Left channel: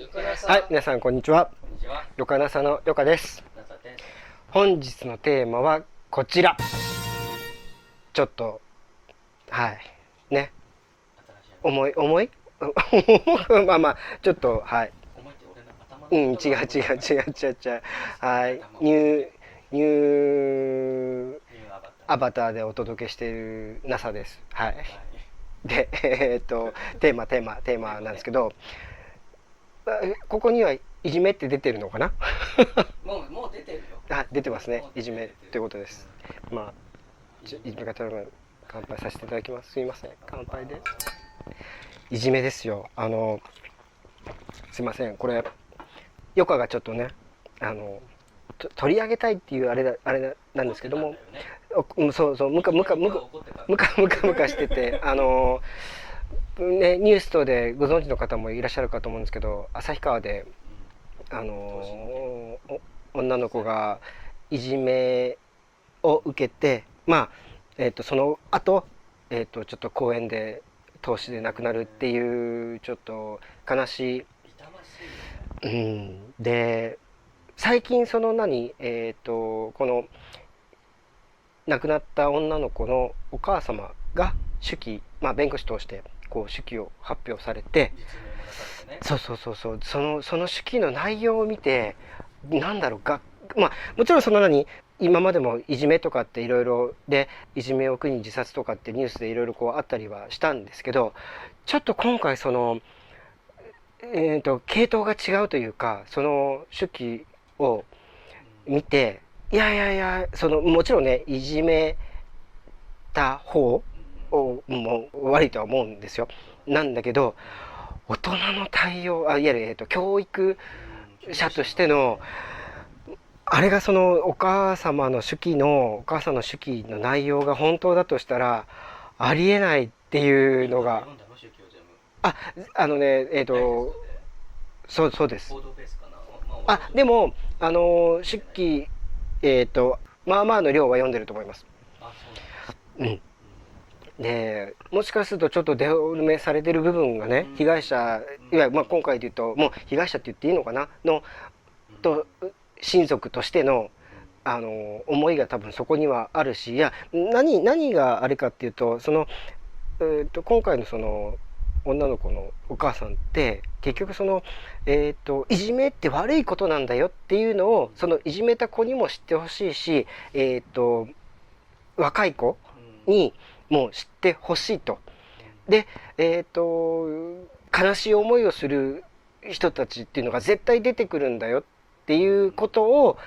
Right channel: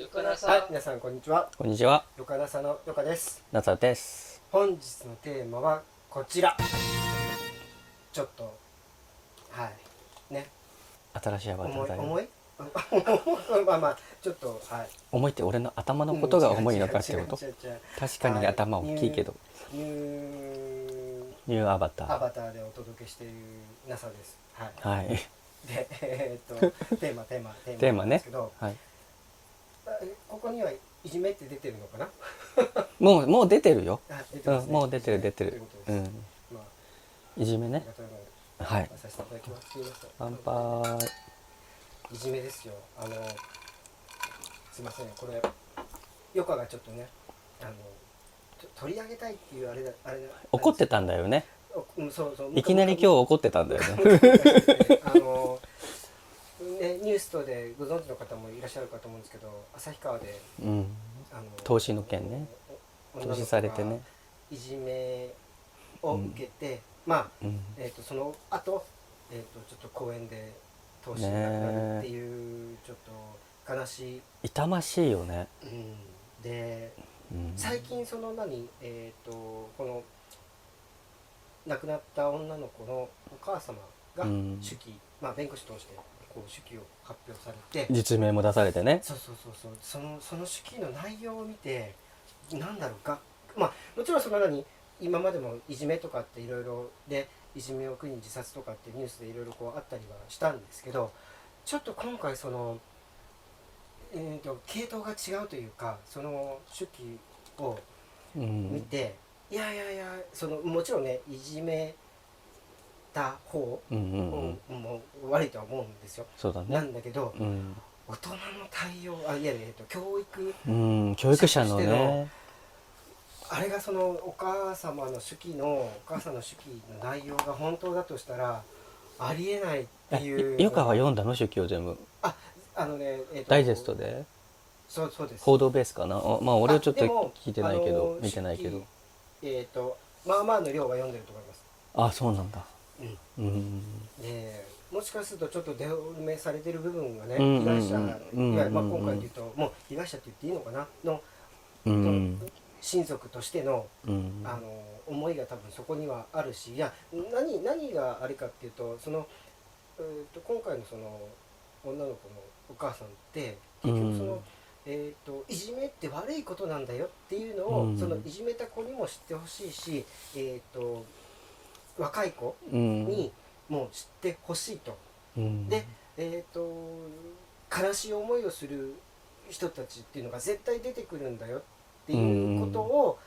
はい、皆さんこんにちは。こんにちは、よかなさのよかです。なつさです。本日のテーマはこちら。ちょっとはいね、新しいアバターだね。重い重いまあまあちょっとはい。重いって俺の頭のうん、ことが違う重いのかって違う違うこと？違う違う。確かにはい、頭大ニューきいけど。ニューニューアバター。アバターでお届けしている NASA です。はい。はい。でテーマなんですけど、はい。ここにはいじめって出てるのかな？もう出てるよ。あ、出てますね。もう出いじめてる出てる。ということです。まあいじめね。いじめ方がはい。乾杯させていただきます。すみません。乾乾杯。杯で。いじめですよ。すいません。これヨカがちょっとね、取り上げたいっていうあれなん怒ってですけども、たんだよね。そうそう、いきなり今日怒ってたんだよね。ムカムカしてて、ね、ニュースとでご存知の方もいらっしゃるかと思うんですけど、旭川でうん。投資の件ね。女の子がね、いじめを受けて、まうん。あ、その後、ちょっと公園で投資で亡くなるってねいうちょっと悲しい、痛ましいよね。でうん。最近そのこの亡くなった女の子のお母様がうん。手記、まあ、弁護士通してこう手記を発表されて、実名も出されてね。そうその手記の内容を見て、なんだろうが、まあもちろんその今までもいじめとかっていろいろで、いじめを苦に自殺とかってニュースでいろいろこうあったりはしたんですけど、ちょっと今回その系統が違うというか、その手記をうん。見て、いやいやいや、そのもちろんね、いじめた方うんうんうん。をもう悪いとは思うんですよ。そうだね。なんだけど、うん。大人の対応、いわゆる、教育うん、教育者者のとしての、ね。あれがそのお母さんの手記の内容が本当だとしたら、ありえないっていうゆかがのが、読んだの手記を全部？あ、あのね、ダイジェストで？そうです。報道ベースかな。まあ俺ちょっとでも、聞いてないけど、見手てないけど。記、まあまあの量は読んでると思います。あ、そうなんだ。うん。うん。で、もしかするとちょっとデフォルメされてる部分がね、うんうん被害者、うんうんいわゆるまあ今回で言うと、もう被害者って言っていいのかなの、うんうと、ん親族としての、うん。思いが多分そこにはあるし、いや、何があれかっていうと、今回のその、女の子のお母さんって、結局その、いじめって悪いことなんだよっていうのを、そのいじめた子にも知ってほしいし、若い子にも知ってほしいと。うん。で、悲しい思いをする人たちっていうのが絶対出てくるんだよっていうことを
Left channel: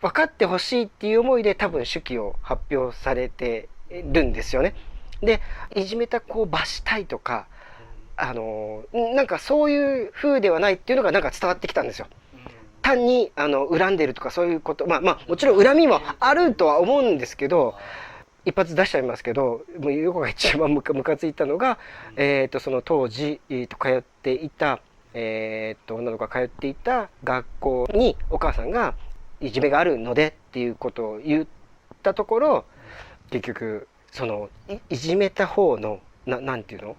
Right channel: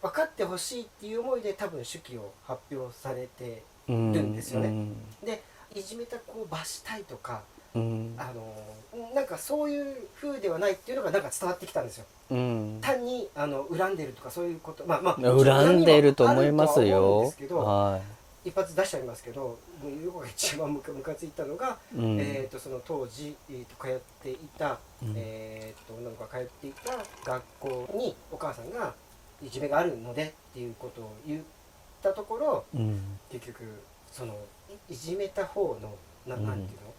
分かってほしいっていう思いで多分手記を発表されてるんですよね。で、いじめた子を罰したいとか、うん。なんかそういう風ではないっていうのがなんか伝わってきたんですよ。うん。単に恨んでるとかそういうこと、まあもちろん恨みもあるとは思うんですけど、は一発出しちゃいますけど、もう横が一番ムカついたのが、い。うん。その当時、通っていた、うん。女の子が通っていた学校にお母さんがいじめがあるのでっていうことを言ったところ、うん。結局そのいじめた方のなんていうの、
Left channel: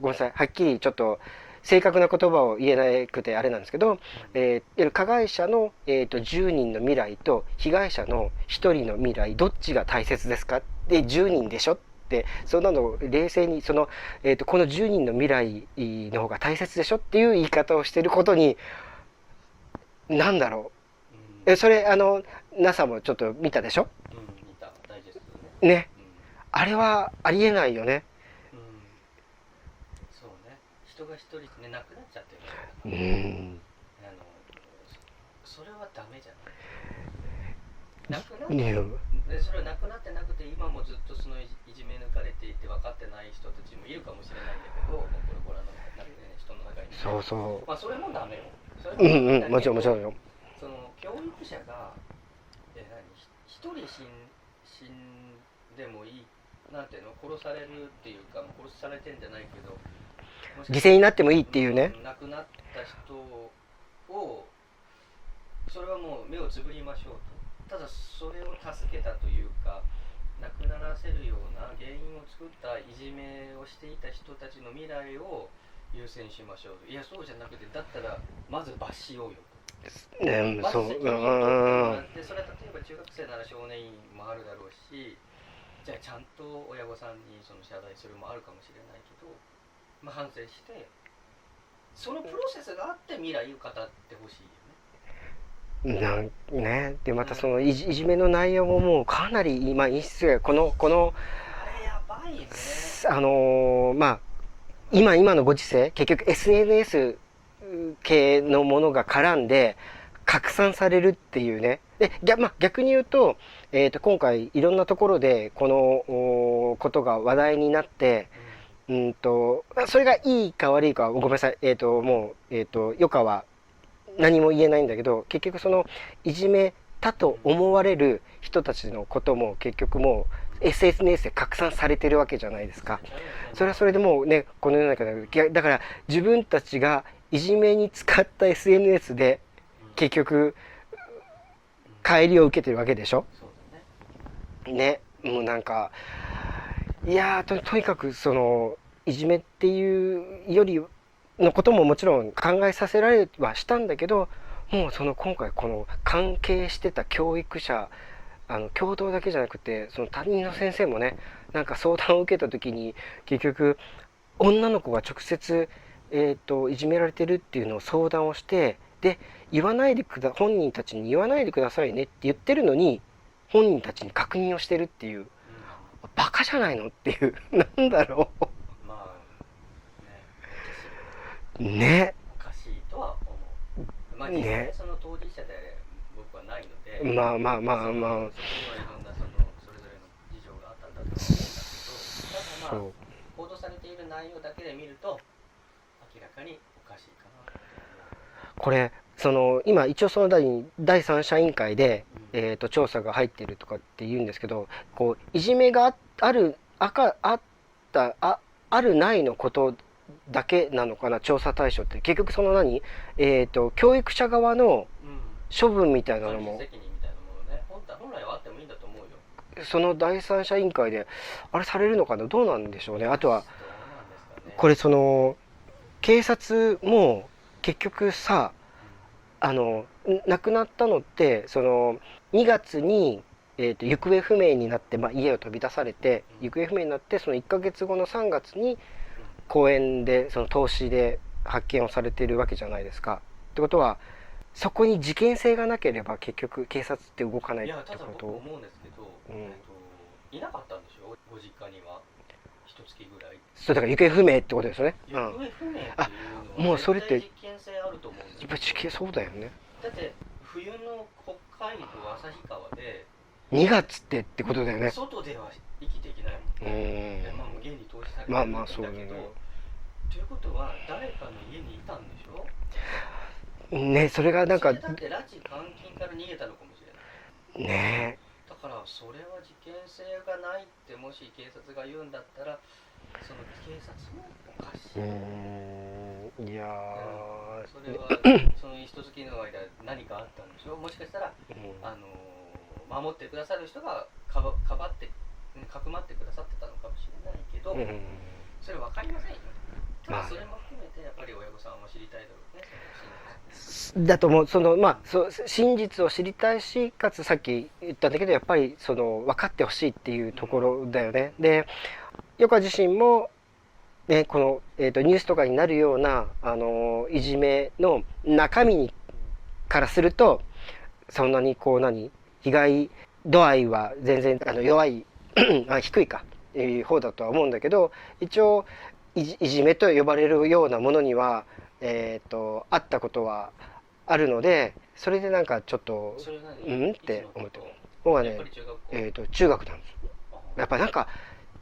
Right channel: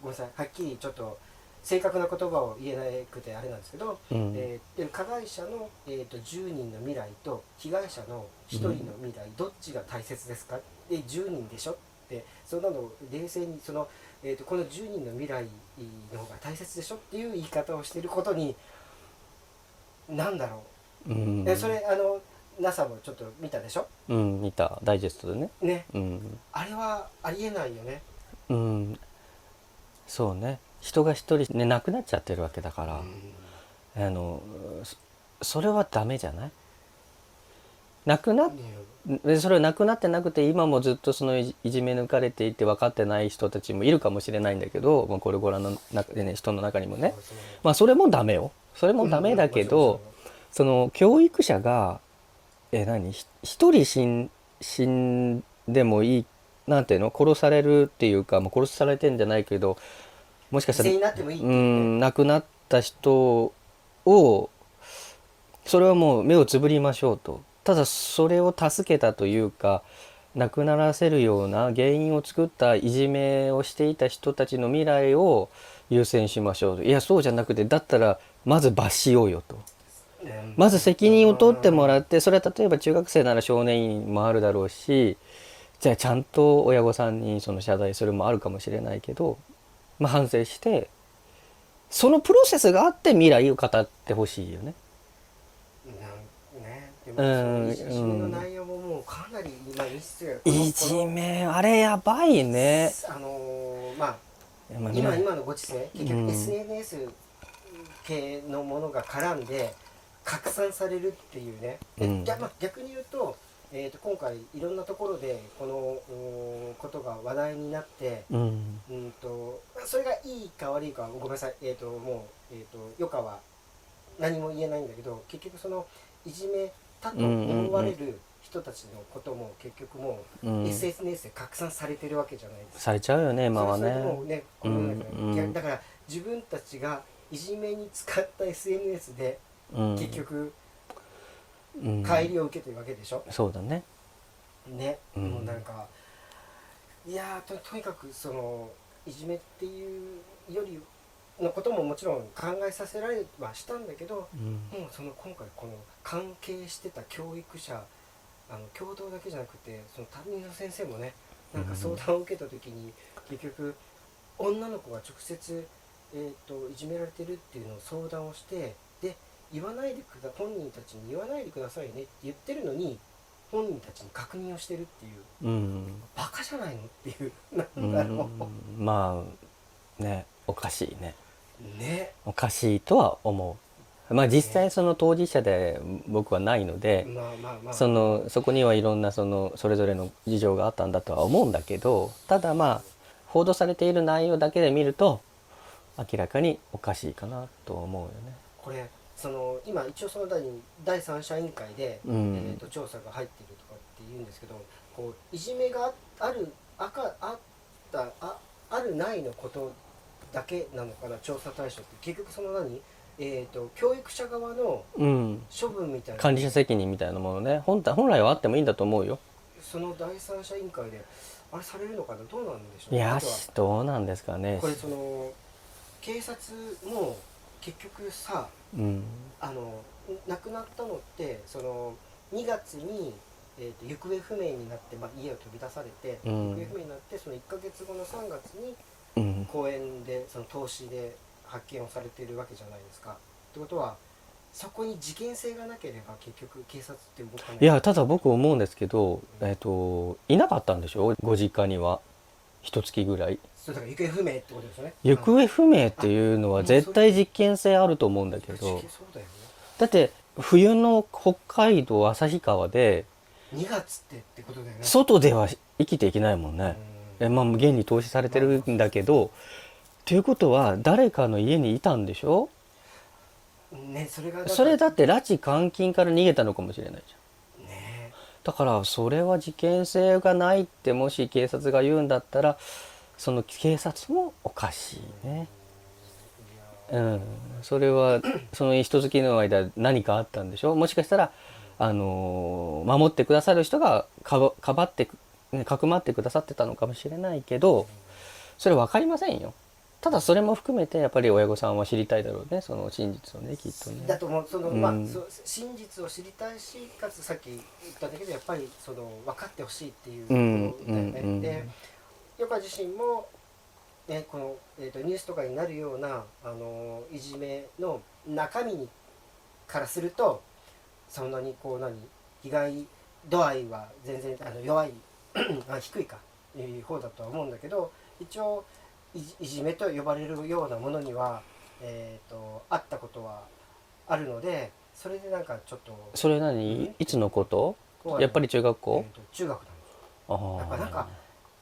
ごめんなさい、はっきりちょっと正確な言葉を言えなくてあれなんですけど、うん。加害者の、10人の未来と被害者の1人の未来、どっちが大切ですかで、10人でしょって、そんなのを冷静にこの10人の未来の方が大切でしょっていう言い方をしてることに、なんだろうん。う、それNASA もちょっと見たでしょ？うん、見たダイジェストでね。ね、うん。あれはありえないよね。うん。そうね。人が一人ね亡くなっちゃってるわけだかうら、んそれはダメじゃない？亡くなっねでそれは亡くなってなくて今もずっとそのいじめ抜かれていて分かってない人たちもいるかもしれないんだけど、まあ、これご覧の中でね人の中にもね、そうそう、まあそれもダメよ。それもダメだもけど、ちろんもちろんよ。その教育者が一人死んでもいい、なんていうの、殺されるっていうか、まあ、殺されてんじゃないけど、もしかしたら犠牲になってもいいっていうね。亡くなった人を、それはもう目をつぶりましょうと。ただそれを助けたというか亡くならせるような原因を作ったいじめをしていた人たちの未来を優先しましょうと。いやそうじゃなくて、だったらまず罰しようよと。ね、まず責任を取ってもらっうて、それは例えば中学生なら少年院もあるだろうし、じゃあちゃんと親御さんにその謝罪するもあるかもしれないけど、まあ、反省してそのプロセスがあって未来を語ってほしいよね。なんね、でまたそのうん、いじめの内容ももうかなり今陰湿がいじめあれやばいね。まあまあ今のご時世結局うん SNS 系のものが絡んで拡散されるっていうね。で、うんまあ、逆に言うと、今回いろんなところでこのことが話題になって、うんそれがいいか悪いかはごめんなさい、もう、余暇は何も言えないんだけど、結局そのいじめたと思われる人たちのことも結局もう SNS で拡散されてるわけじゃないですか。されちゃうよね、それはそれでもうね、この世の中うんで、だから自分たちがいじめに使った SNS で結局帰りを受けてるわけでしょ。そうだね。ね、もうなんかいやとにかくそのいじめっていうよりのことももちろん考えさせられはしたんだけど、もうその今回この関係してた教育者共同だけじゃなくてその担任の先生もね、なんか相談を受けた時に結局女の子が直接、いじめられてるっていうのを相談をして、で本人たちに言わないでくださいねって言ってるのに本人たちに確認をしてるっていう、バカじゃないのっていうなんだろまあね、おかしいね。ね、おかしいとは思う。まあ実際その当事者で僕はないので、そこにはいろんなそれぞれの事情があったんだとは思うんだけど、ただまあ報道されている内容だけで見ると明らかにおかしいかなと思うよね。これ今一応その第三者委員会で、調査が入ってるとかって言うんですけど、こういじめがあるないのことだけなのかな、調査対象って。結局その教育者側の処分みたいなのも、管理者責任みたいなものね、本来はあってもいいんだと思うよ。その第三者委員会であれされるのかな、どうなんでしょうね。あとはどうなんですかね。これ警察も結局さ、亡くなったのって2月に、行方不明になって、家を飛び出されて、行方不明になってその1ヶ月後の3月に公園でその凍死で発見をされているわけじゃないですか。ってことはそこに事件性がなければ結局警察って動かない。いやただ僕思うんですけど、いなかったんでしょ、ご実家には。一月ぐらい。そうだから行方不明ってことですよね。行方不明っていうのは絶対実験性あると思うんだけど。そうだよね。だって冬の北海道旭川で2月ってことだよね。外では生きていけないもんね。現に投資されてるんだけど、ということは誰かの家にいたんでしょね。それがそれだって拉致監禁から逃げたのかもしれないでしょね。だからそれは事件性がないってもし警察が言うんだったら、その警察もおかしいよね。いやそれはその一月の間何かあったんでしょ。もしかしたら守ってくださる人がかばってかくまってくださってたのかもしれないけど、それ分かりませんよ。ただそれも含めてやっぱり親御さんは知りたいだろうね、その真実をね、きっとね。だと思う。真実を知りたいし、かつさっき言ったんだけどやっぱり分かってほしいっていうところだよね。で余佳自身もね、この、ニュースとかになるようないじめの中身からするとそんなに被害度合いは全然弱い低いか方だとは思うんだけど、一応いじめと呼ばれるようなものには、あったことはあるので、それでなんかちょっと。それいつのこと？やっぱり中学校？中学なんですよ。やっぱなんか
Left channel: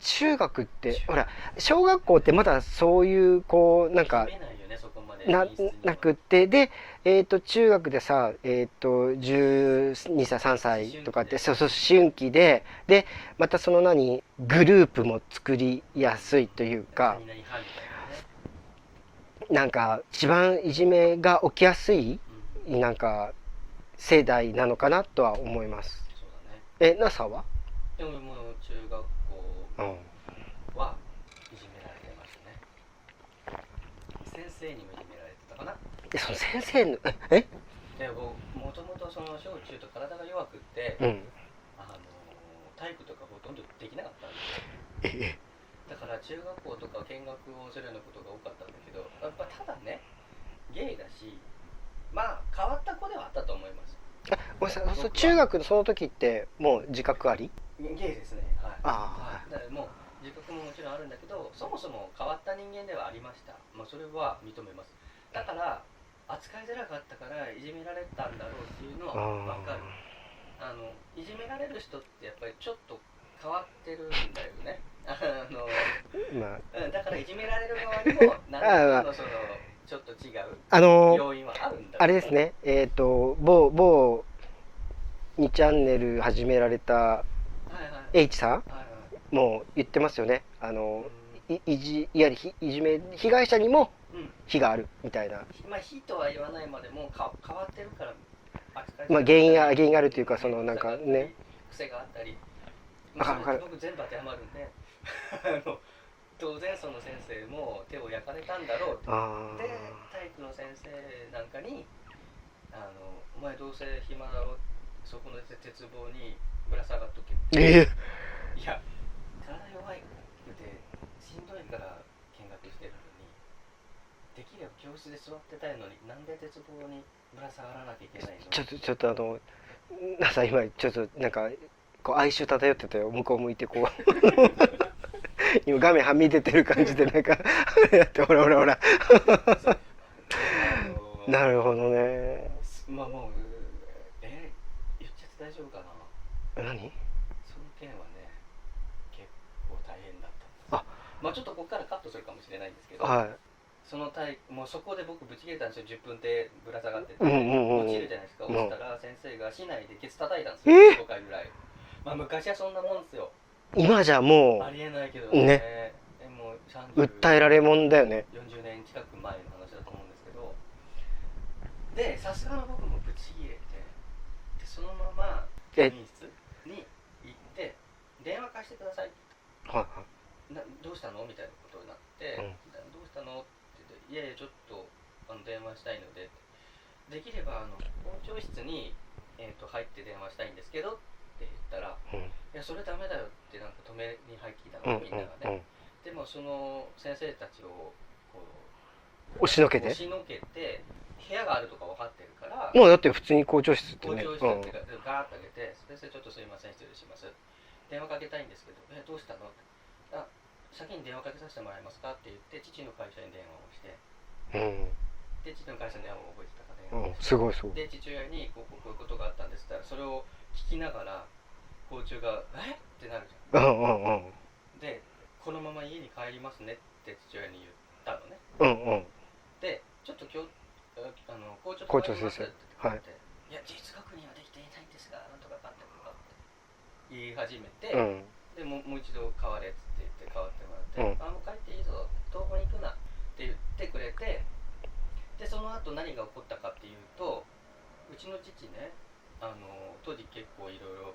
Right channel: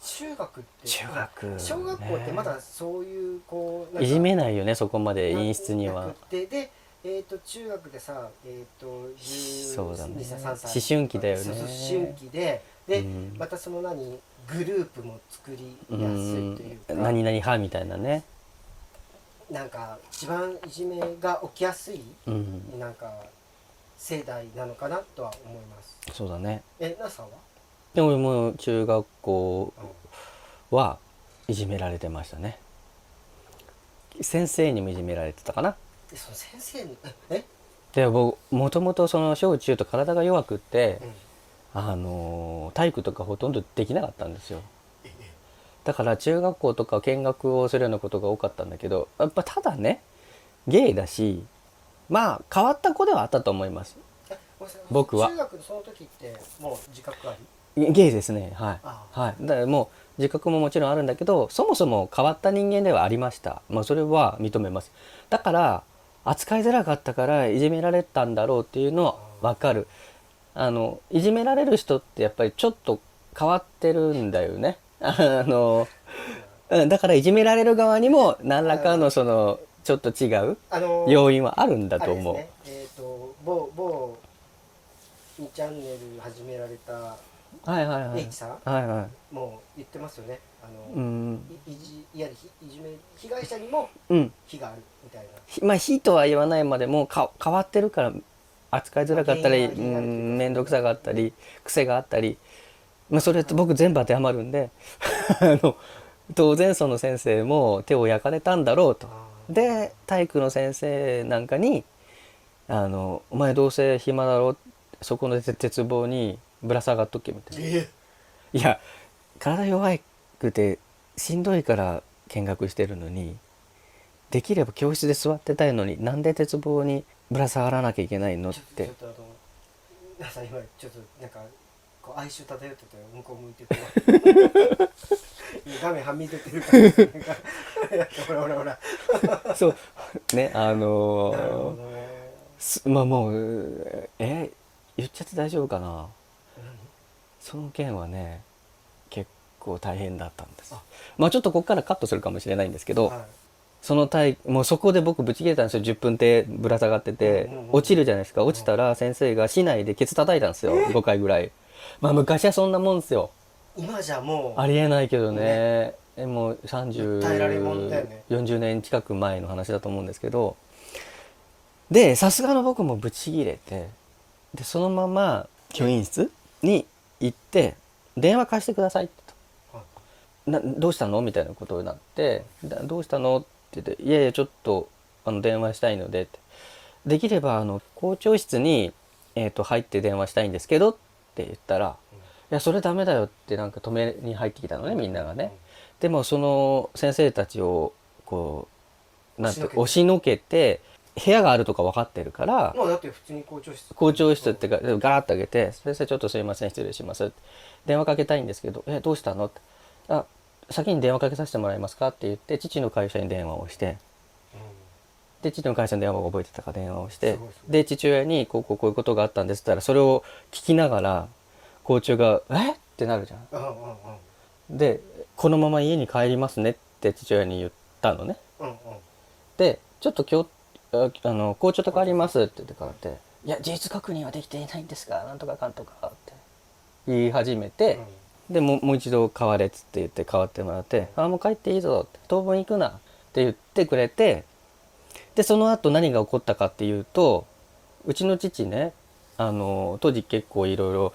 中学ってほら小学校ってまだそういういじめないよね、そこまで陰湿にはなくて、で中学でさ12歳3歳とかって思春期でまたグループも作りやすいというか、何々派みたいなね、なんか一番いじめが起きやすいなんか世代なのかなとは思います。そうだね。NASA はでももう中学校はいじめられてましたね。先生にもいじめられてたかな。その先生ので僕もともとその小中と体が弱くって、うん体育とかほとんどできなかったんですよ。えだから中学校とか見学をするようなことが多かったんだけど、やっぱただねゲイだし、まあ変わった子ではあったと思います。ごめんなさい、僕は中学のその時ってもう自覚あり？ゲイですね、はいああはい。だからもう自覚ももちろんあるんだけど、そもそも変わった人間ではありました。まあそれは認めます。だから扱いづらかったからいじめられたんだろうっていうのは分かる。いじめられる人ってやっぱりちょっと変わってるんだよね。だからいじめられる側にも何らかのそのちょっと違う要因はあるんだとあ思う。れですね、某2チャンネル始められたはいはいはい H さんはいはいもう言ってますよね。いわゆるいじめ被害者にもうん非があるみたいな、まあ非とは言わないまでも変わってるから扱いづらかったり、原因があるっていうか面倒くさがあったり、そのなんかね癖があったり、まあ、それって僕全部当てはまるんで当然その先生も手を焼かれたんだろうと。で体育の先生なんかにお前どうせ暇だろ、そこの鉄棒にぶら下がっとけみたいな。いや体弱くてしんどいから見学してるのに、できれば教室で座ってたいのになんで鉄棒にぶら下がらなきゃいけないのっちて。ょっとなさ今ちょっとなんかこう哀愁漂ってたよ。向こう向いてこう今画面はみ出てる感じでなんかほらほらほらそうねなるほどね。まあもう言っちゃって大丈夫かな。何？その件はね結構大変だったんです。まあちょっとここからカットするかもしれないんですけど、はいそのもうそこで僕ブチ切れたんですよ。10分でぶら下がってて、落ちるじゃないですか。落ちたら先生が市内でケツ叩いたんですよ、5回ぐらい。まあ昔はそんなもんですよ。今じゃもうありえないけどね。もう30訴えられもんだよね。40年近く前の話だと思うんですけど、でさすがの僕もブチ切れて、でそのまま教員室に行って電話貸してくださいってどうしたのみたいなことになって、どうしたのって言って、いやいやちょっと電話したいのでって、できれば校長室に、入って電話したいんですけどって言ったら、いやそれダメだよってなんか止めに入ってきたのね、みんながね。でもその先生たちをこう押しのけて部屋があるとか分かってるから、もうだって普通に校長室ってか、ガラッと開けて「先生ちょっとすいません失礼します」電話かけたいんですけど「どうしたの?」って「先に電話かけさせてもらえますか?」って言って父の会社に電話をして、で父の会社の電話を覚えてたから電話をして、で父親にこういうことがあったんですって言ったら、それを聞きながら校長が「えっ?」ってなるじゃん。で「このまま家に帰りますね」って父親に言ったのね。でちょっと今日校長と帰りますって言って帰って、いや事実確認はできていないんですがなんとかかんとかって言い始めて、でもう一度代われっつって言って代わってもらって、もう帰っていいぞって当分行くなって言ってくれて、でその後何が起こったかっていうと、うちの父ね当時結構いろいろ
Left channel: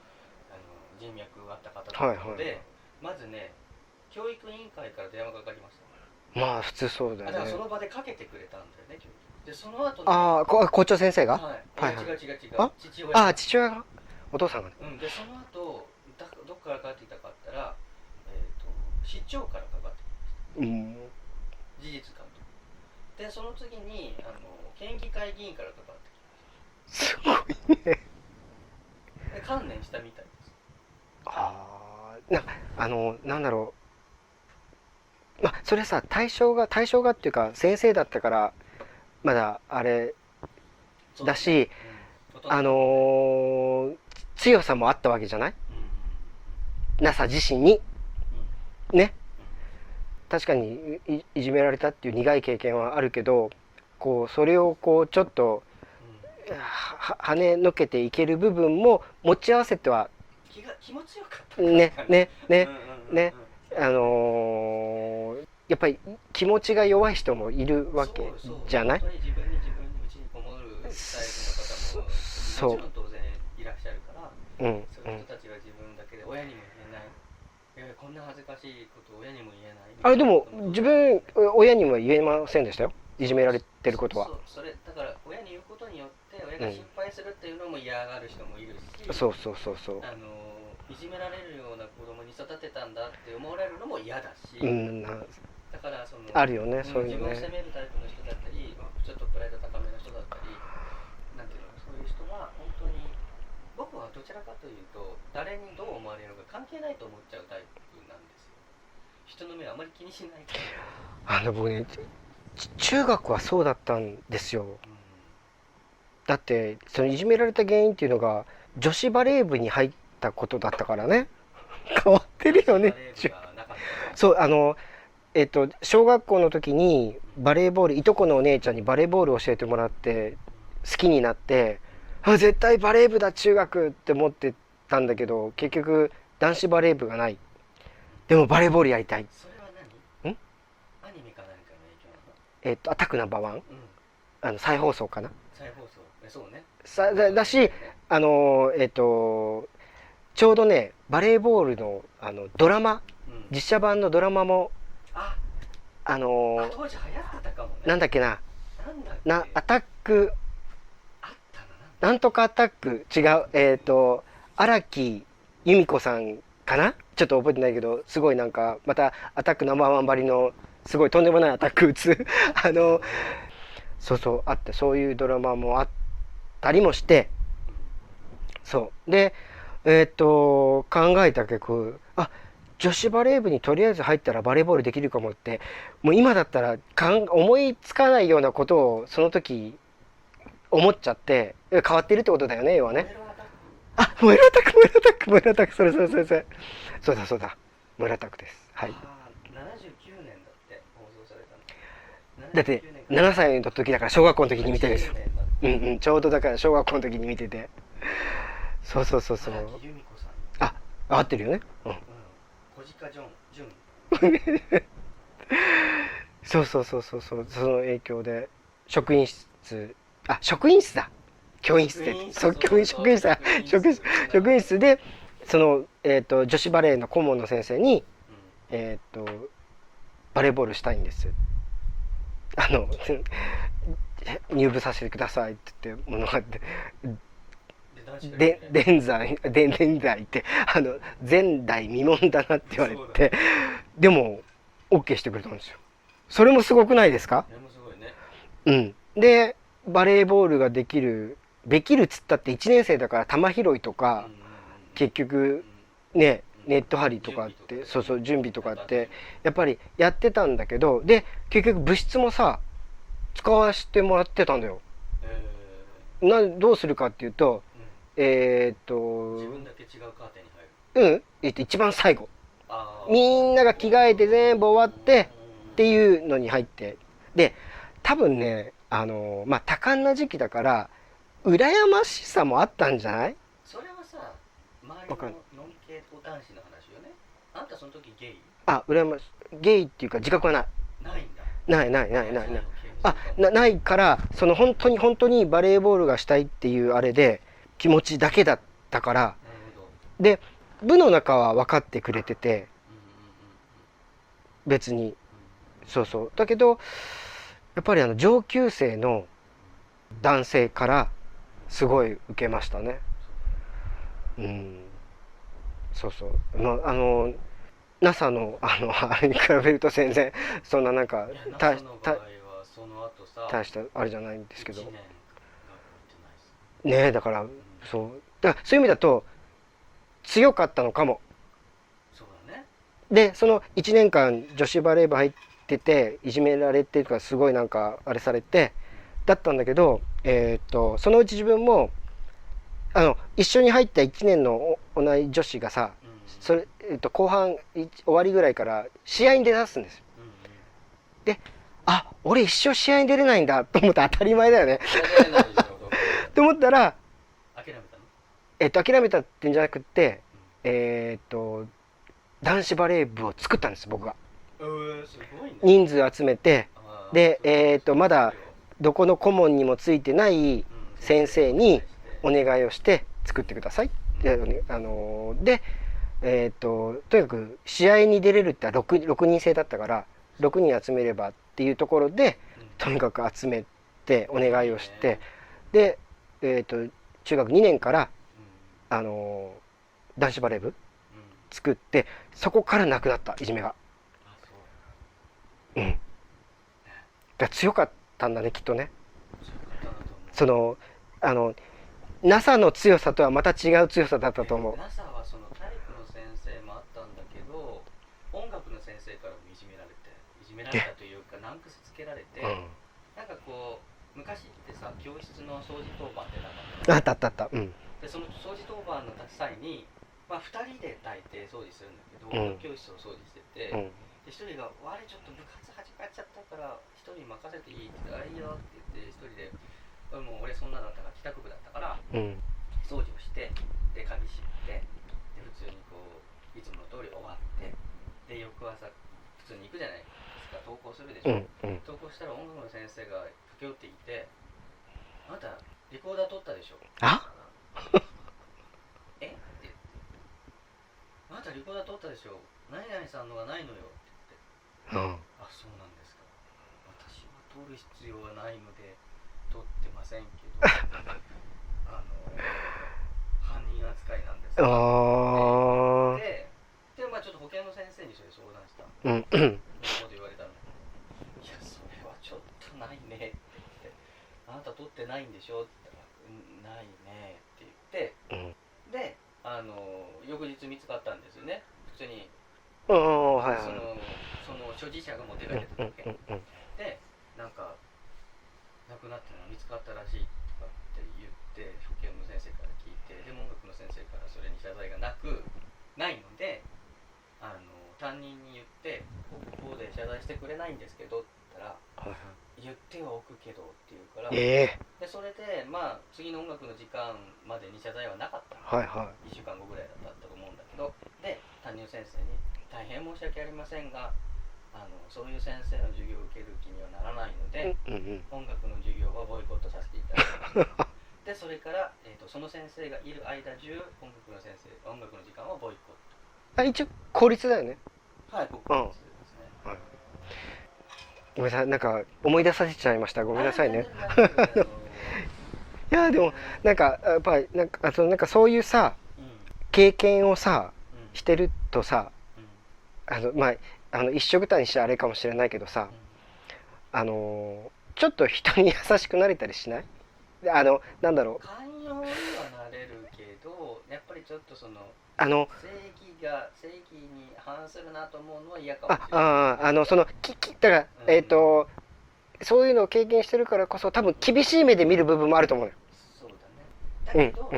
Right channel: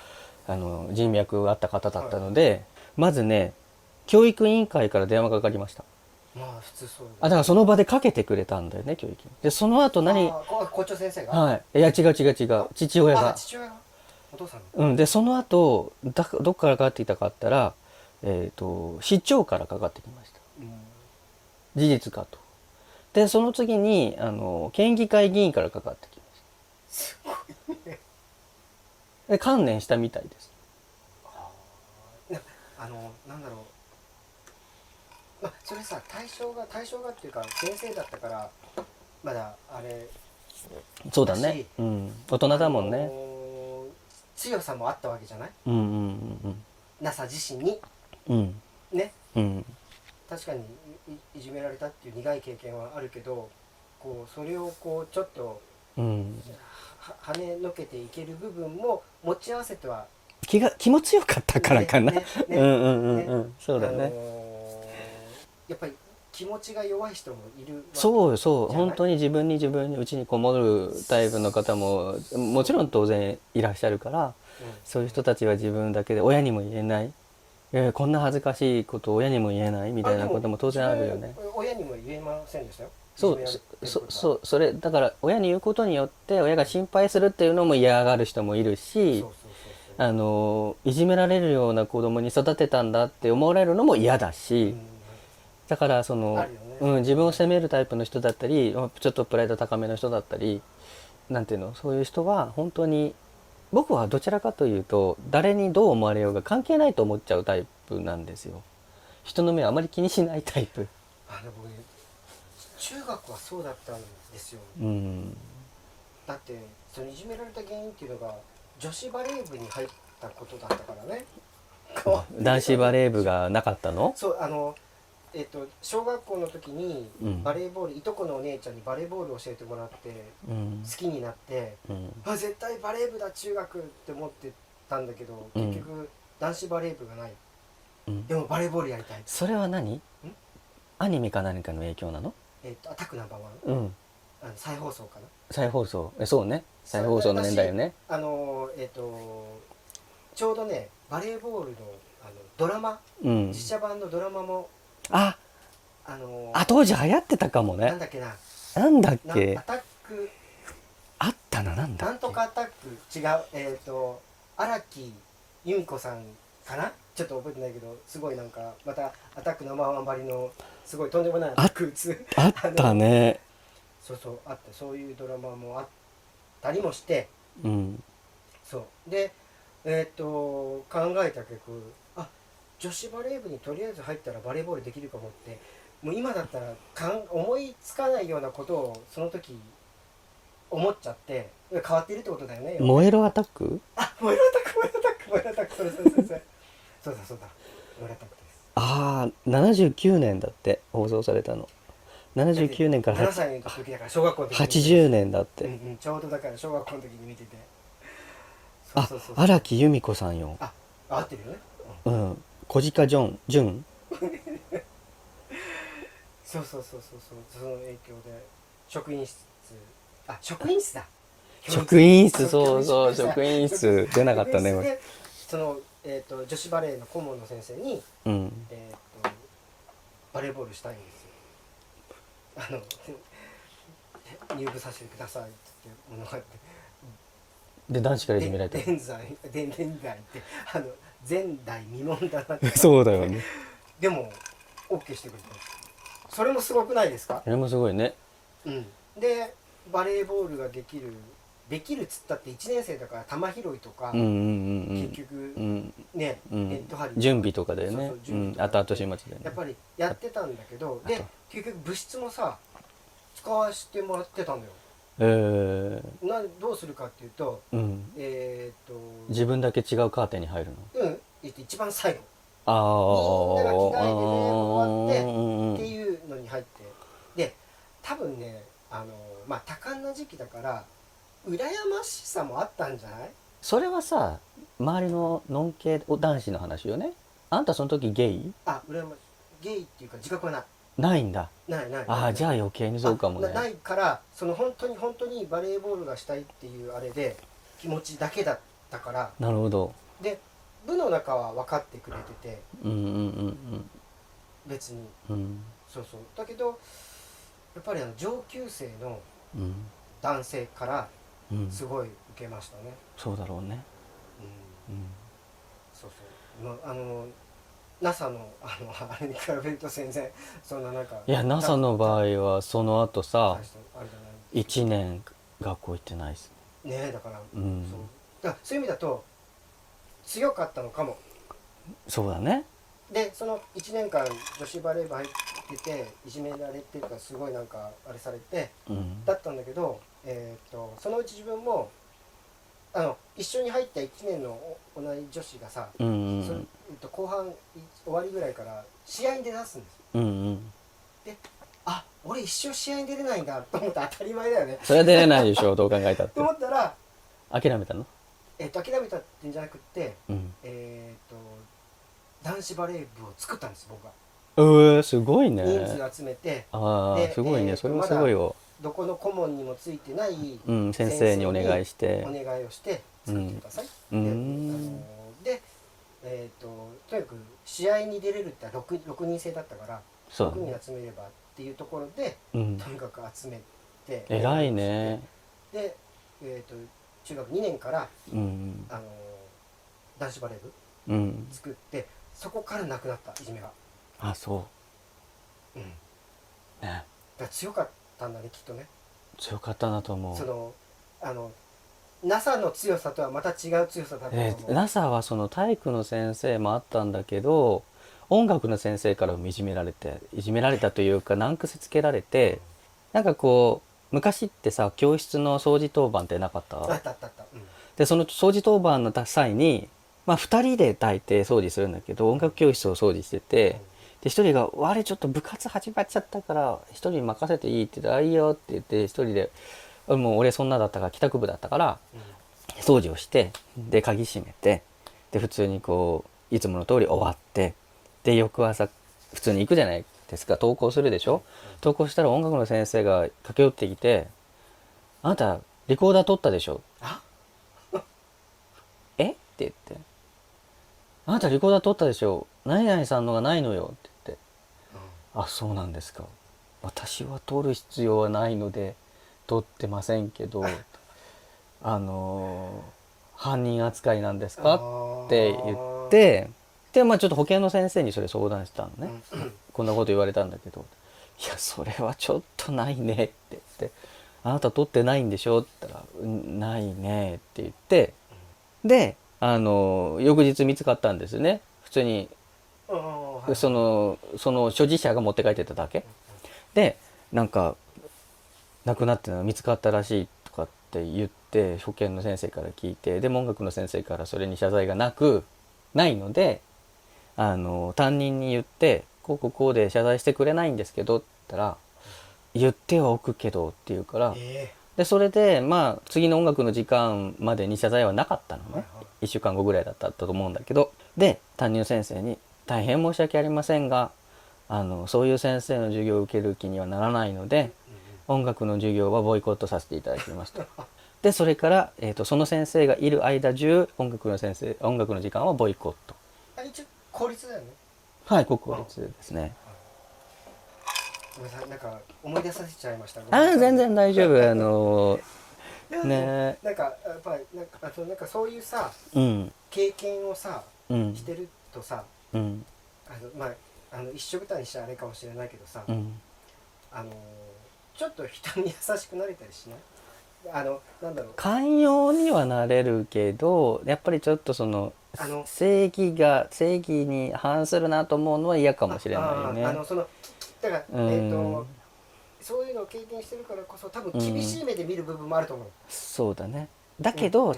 人脈があった方だったので、まずね教育委員会から電話がかかりました。まあ普通そうだね。だからその場でかけてくれたんだよね、教育で。その後校長先生が？はい。いや違う父親が。父親が？お父さんが？でその後どっからかかってきたかったら、市長からかかってきました。事実かと。でその次に県議会議員からかかってきました。すごいね。で観念したみたいです。なんだろう、まあそれさ対象がっていうか先生だったからまだあれそうだし、大人だもんね。強さもあったわけじゃない、NASA 自身に、ね、確かにいじめられたっていう苦い経験はあるけど、こうそれをこうちょっと、跳ねのけていける部分も持ち合わせては気持ちよかったからかな。やっぱり気持ちが弱い人もいるわけじゃない？そう本当に自分にうちにこもるタイプの方ももちろん当然いらっしゃるから、そういう人たちは自分だけで親にも言えないこんな恥ずかしいことを親にも言えないみたあれでもいなことも当自然あるよね。分親には言えませんでしたよ、そういじめられてることは。そうそれだから親に言うことによって親が心配するっていうのも嫌がる人もいるし、そうそうそうそう。いじめられるような子供に育てたんだって思われるのも嫌だし、うんだからあるよねそういうのね自分を責めるタイプの人だったりちょっとプライド高めの人だったりなんていうの、そういう人は本当に僕はどちらかというと誰にどう思われようが関係ないと思っちゃうタイプなんですよ。人の目をあまり気にしないタイプ。僕ね中学はそうだったんですよ。うんだってそのいじめられた原因っていうのが女子バレー部に入ったことだったからね。変わってるよね男子バレー部がなかったの？そう小学校の時にうんバレーボール、いとこのお姉ちゃんにバレーボールを教えてもらってうん好きになって、うん絶対バレー部だ中学って思ってたんだけど、結局男子バレー部がない。うんでもバレーボールやりたい。それは何？アニメか何かの影響なの？アタックナンバーワン、うん再放送かな。再放送そうね、さ再放送のだし年だよね。ちょうどねバレーボールのドラマ、うん実写版のドラマもあ当時流行ってたかもね。なんだっけな、なんだっけアタックあったな、なんだっけなんとかアタック、違う、荒木由美子さんかな、ちょっと覚えてないけど、すごいなんかまたアタックナンバーワンばりのすごいとんでもないアタック打つあったね。そうそうあって、そういうドラマもあったりもして、うんそうで考えた結局女子バレー部にとりあえず入ったらバレーボールできるかもって、もう今だったら思いつかないようなことをその時思っちゃって、変わってるってことだよね、要はね。燃えるアタック？燃えるアタック、燃えるアタック、燃えるアタック、それそうだそうだ、燃えるアタックです。ああ79年だって放送されたの。だって79年から7歳の時だから小学校の時に見て80る。年だって、ちょうどだから小学校の時に見てて、そう荒木由美子さんよ。合ってるよね、小鹿淳そうその影響で職員室職員室だ、職員室、そうそう職員室だ、職員室出なかった職員室ね。でその、女子バレーの顧問の先生に、うんバレーボールしたいんです、入部させてくださいって言ってものがあって、で男子からいじめられて現在って前代未聞だなって言われて、そうだよね。でも OK してくれたんですよ。それもすごくないですか？それもすごいね。でバレーボールができるっつったって1年生だから球拾いとか、結局ね、ネット張りとか準備とかでね。そう準備とかって後々やっぱりやってたんだけど、で結局部室もさ使わせてもらってたんだよ。どうするかっていうと、自分だけ違うカーテンに入るの？一番最後あみんなが着替えて全部終わってっていうのに入って、で多分ね多感な時期だから羨ましさもあったんじゃない？それはさ周りのノン系男子の話よね。あんたその時ゲイ？羨ましゲイっていうか自覚はない。ないんだ。ないじゃあ余計にそうかもね。ないから、その本当にバレーボールがしたいっていうあれで気持ちだけだったから。なるほど。で部の中は分かってくれてて、別に、そうだけどやっぱり上級生の男性からすごい受けましたね。そうだろうね。そうNASA のあれに比べると全然そんななんか、いや NASA の場合はその後さ大したあれじゃないんですけど、1年学校行ってないですね。だからそういう意味だと強かったのかも。そうだね。でその1年間女子バレー部入ってていじめられてとかすごいなんかあれされて、だったんだけど、そのうち自分も一緒に入った1年の同い女子がさ、それ後半終わりぐらいから試合に出だすんですよ。で俺一生試合に出れないんだと思って、当たり前だよね。それは出れないでしょどう考えたって。と思ったら諦めたの？諦めたってんじゃなくって、男子バレー部を作ったんです僕が。すごいね。人数集めて、でまだどこの顧問にもついてない先生にお願いをして作ってください。でとにかく試合に出れるって 6人制だったからそう6人集めればっていうところで、うんとにかく集めてお願いをして、偉いねで、中学2年から、うん男子バレー部うん作って、そこからなくなったいじめが。あそうん、うねだから強かったんだねきっとね。強かったなと思う。そのNASA の強さとはまた違う強さだったと思う。NASA はその体育の先生もあったんだけど、音楽の先生からもいじめられたというか難癖つけられて、なんかこう昔ってさ教室の掃除当番ってなかった？あったあったあった。うん。でその掃除当番の際に、まあ、2人で大抵掃除するんだけど音楽教室を掃除してて、うんで1人が「あれちょっと部活始まっちゃったから1人に任せていい」って言って「あいいよ」って言って1人でもう俺そんなだったから帰宅部だったからうん掃除をしてで鍵閉めてで普通にこういつもの通り終わってで翌朝普通に行くじゃないですか。登校するでしょ、登校したら音楽の先生が駆け寄ってきて「あなたリコーダー取ったでしょ?」あえって言って「あなたリコーダー取ったでしょ何々さんのがないのよ」って言ってうん「あそうなんですか私は取る必要はないので取ってませんけど犯人扱いなんですか?」って言ってでまあちょっと保健の先生にそれ相談したのね、こんなこと言われたんだけど「いやそれはちょっとないね」って言って「あなた取ってないんでしょ?」って言ったら「うんないね」って言ってで翌日見つかったんですね普通に、その所持者が持って帰ってただけ、でなんか亡くなってるのが見つかったらしいとかって言って保健の先生から聞いてで音楽の先生からそれに謝罪がないので担任に言って「こうで謝罪してくれないんですけど」って言ったら「言ってはおくけど」って言うからでそれでまあ次の音楽の時間までに謝罪はなかったの、1週間後ぐらいだったと思うんだけどで担任の先生に「大変申し訳ありませんがそういう先生の授業を受ける気にはならないので音楽の授業はボイコットさせていただきます」と。でそれから、その先生がいる間中音楽の時間はボイコット。一応公立だよね。はい国立ですね。ごめんなさいなんか思い出させちゃいました。ごめんなさいね。全然大丈夫いやでもねなんかやっぱりなんかそういうさうん経験をさうんしてるとさうんまあ一緒くたにしちゃあれかもしれないけどさうんちょっと人に優しくなれたりしない？でなんだろう寛容にはなれるけどやっぱりちょっとその正義に反するなと思うのは嫌かもしれないよね。だからうんそういうのを経験してるからこそ多分厳しい目で見る部分もあると思うよ。そうだね。だけど、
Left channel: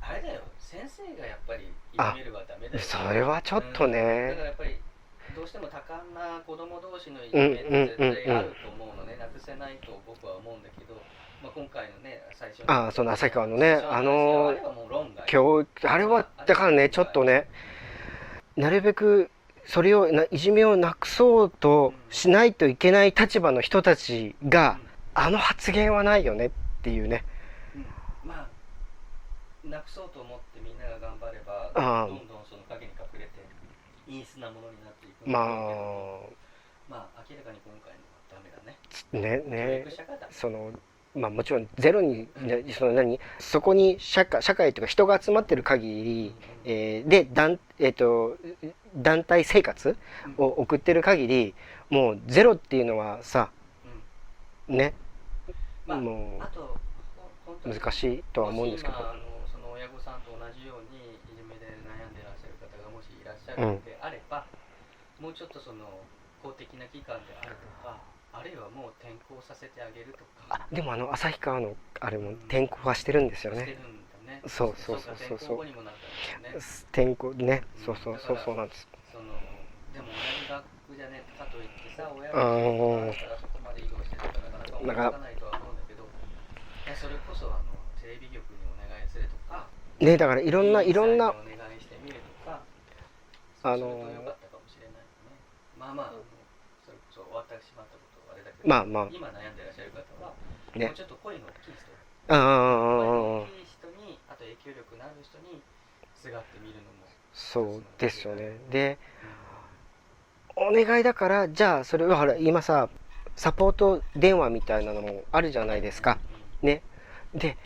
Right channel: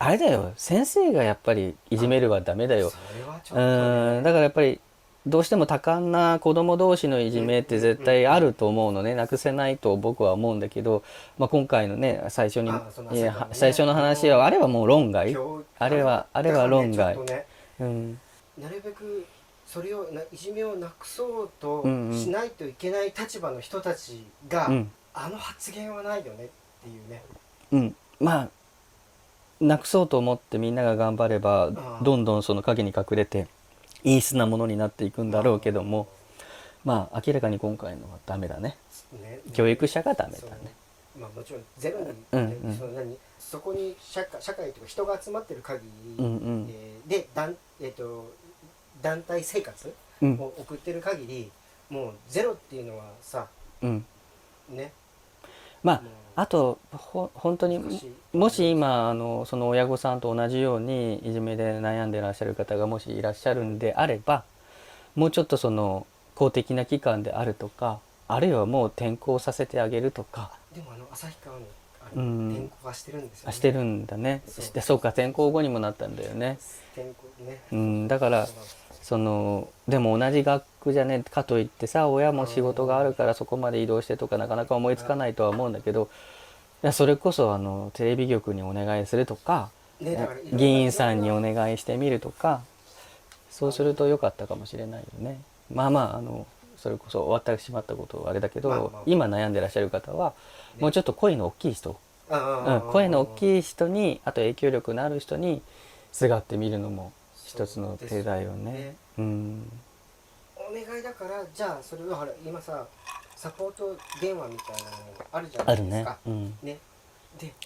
あれだよ先生がやっぱりいじめるはダメだよ。それはちょっとね。だからやっぱりどうしても多感な子供同士のいじめって絶対あると思うのね、なくせないと僕は思うんだけど、まあ、今回のね最初の話はあれはもう論外。あれはだからねちょっとね、なるべくそれをいじめをなくそうとしないといけない立場の人たちが、発言はないよねっていうね。まあなくそうと思ってみんなが頑張ればどんどんその影に隠れて陰湿なものになっていくんだろうけども、まあ明らかに今回のはダメだね。教育者がダメだね。まあもちろんゼロに、そこに社会というか人が集まってる限り、で団体生活を送ってる限り、もうゼロっていうのはさ、ね。まああと本当にもし今その親御さんと同じようにいじめで悩んでいらっしゃる方がもしいらっしゃるんであれば、もうちょっとその公的な機関であるとかあるいはもう転校させてあげるとか。でも旭川のあれも転校はしてるんですよね。してるんだね。そうか転校後にもなったんだよね。転校ね。だからでも同じ学区じゃねかといってさ親も仕事があるからそこまで移動してとかなかなか思いつかないとは思うんだけど、それこそテレビ局にお願いするとか、だからいろんな議員さんにお願いしてみるとか、そうすると良かったかもしれないよね。まあそれこそ終わってしまったことはあれだけど、今悩んでらっしゃる方はもうちょっと声の大きい人、声の大きい人にあと影響力のある人にすがってみるのもそう一つのですよ手だよね。ね。でうんお願いだからじゃあそれはほら今さサポート電話みたいなのもあるじゃないですか。あるねね。で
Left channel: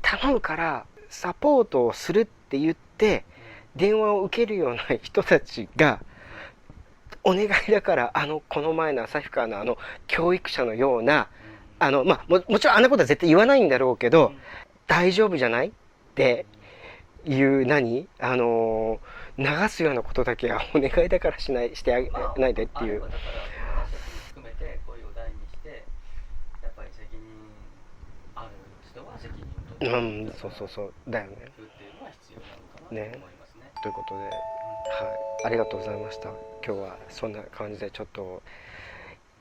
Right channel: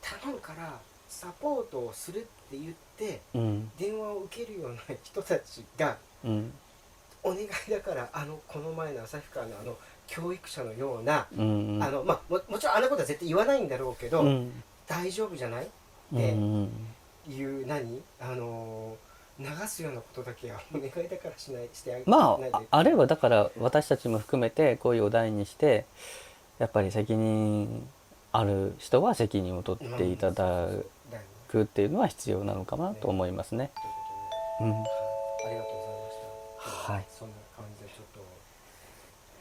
頼むからサポートをするって言ってうん電話を受けるような人たちがうんお願いだからこの前の旭川の教育者のようなうんまあもちろんあんなことは絶対言わないんだろうけど、うん大丈夫じゃないっうてんいう流すようなことだけはお願いだからしてあげまないでっていうああれはだから私たちも含めてこういうお題にしてやっぱり責任ある人は責任を取っていただそうだよね。くっていうのは必要なのかなねと思いますね。ということで、うんはい、ありがとうございました。今日ははいそんな感じでちょっと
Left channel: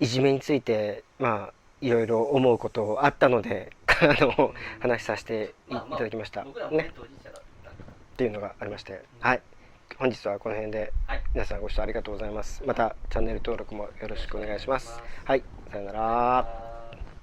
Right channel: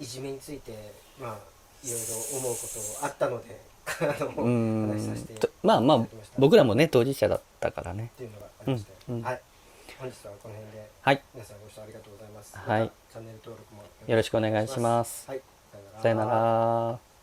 いじめについてまあいろいろ思うことあったのでうん話させていたまあまあだきました。僕らもね当事者だったからね。っていうのがありまして、うんはい。本日はこの辺ではい皆さんご視聴ありがとうございます。はいまたチャンネル登録もよよろしくお願いします。はい、さよなら。さよなら。